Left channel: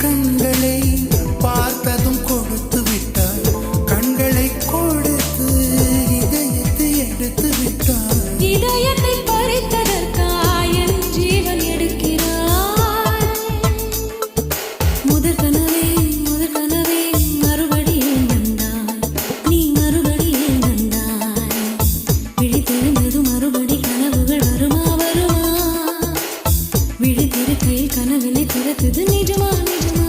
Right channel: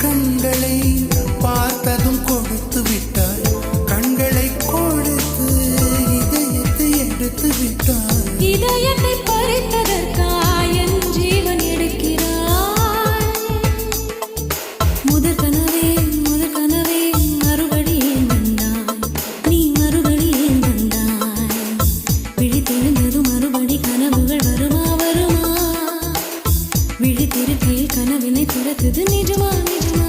கண்களை பார்த்ததும் கொடுத்து விட்டாய், கண்களை கொடுத்து இதயத்தை எடுத்து விட்டாய். இதயத்தை பறித்ததற்காய் என் ஜீவன் எடுக்கிறாய். முதற் கனவே மறுபடியும் வந்தாய், நீ மறுபடியும் வந்தாய். விழித்தெழுந்தது மறுபடி கனவுகள் வருமா வருமா? விழித்திருக்கையில் கனவினை திறத்தது நிஜமா நிஜமா?